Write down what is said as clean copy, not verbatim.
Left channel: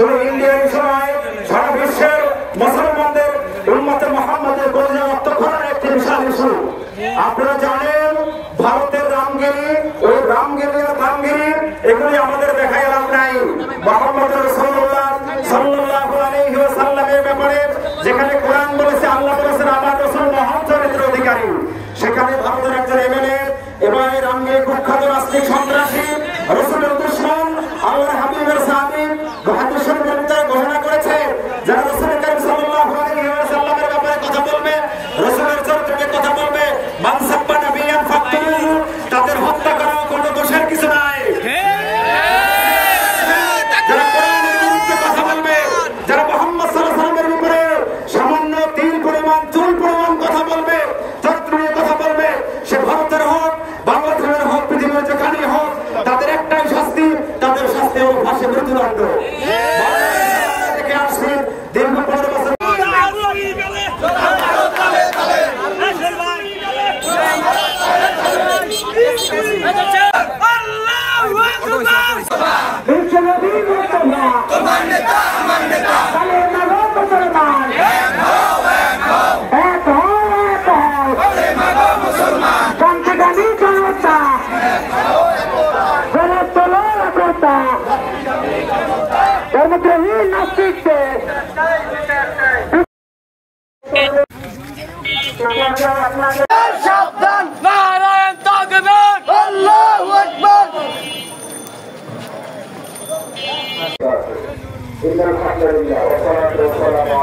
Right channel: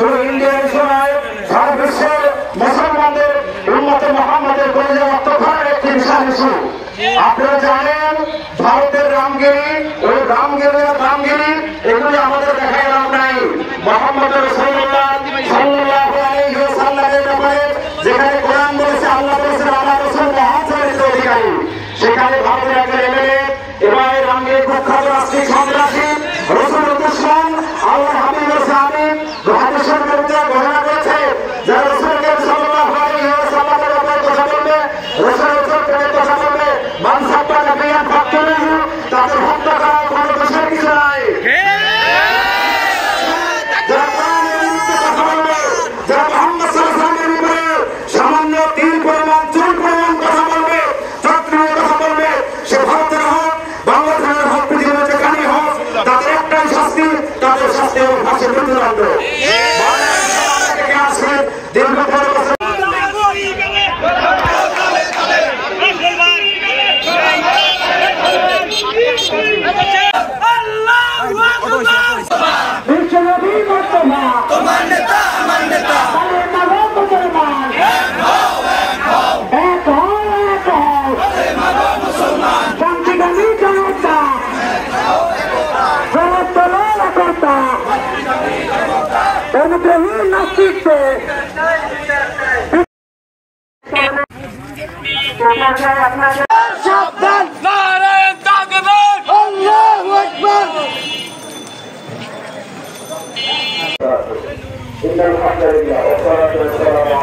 শুধু ইন্ডিয়ার সময় সারা বিশ্বের মুসলমানদের উম্মতে মুহাম্মদের কলিজা রক্ত করার একটি বিশাল ইস্যু। আপনারা জানেন ভারতের রামগিরি, ওই রামগিরি এগুলি আমাদের দেখায় নাম নাই। মুহাম্মদ রাসূলুল্লাহ সাল্লাল্লাহু আলাইহি ওয়াসাল্লামের ব্যাপারে যেখানে কোরআন বলেছে, আল্লাহ বলেছেন আমার রাসূল মহান চরিত্রের অধিকারী, সেখানে ভারতের একজন এমএলএ এবং রামগিরি কুখ্যাত রাষ্ট্রীয় সন্ত্রাসী রাসূলের দুশমন আল্লাহর হাবিবের সাহাবী হাদিসের বিরুদ্ধে ঘোষণা করেছে যারা রাসূলকে সাল্লাল্লাহু আলাইহি ওয়াসাল্লামের ব্যাপারে কথা বলবে, রাসূলের চরিত্রের কথা বলবে, মান সাব্বা নাবিয়ান ফাকতুলুহু, তাদের হত্যা করা কোনো দোষের কিছু নাই। যারা কোরআনের বিরুদ্ধে কথা বলবে, যারা মুহাম্মদ সাল্লাল্লাহু আলাইহি ওয়াসাল্লামের উপরে সামান্য তিল পরিমাণ চুল পরিমাণ কথা বলবে, চরিত্রের কথা বলবে, সে ভারতের হোক বাংলাদেশের হোক পৃথিবীর যেখানেই হোক, তাদের একটাই শাস্তি, তাদের শাস্তি হবে ফাঁসির মৃত্যুদণ্ড। দীর্ঘ 15 বছর সাবধান নারায়ণ তাকবীর আল্লাহু আকবার। ইন্নাল হামদুলিল্লাহ ওয়া সালাতু ওয়া সালামু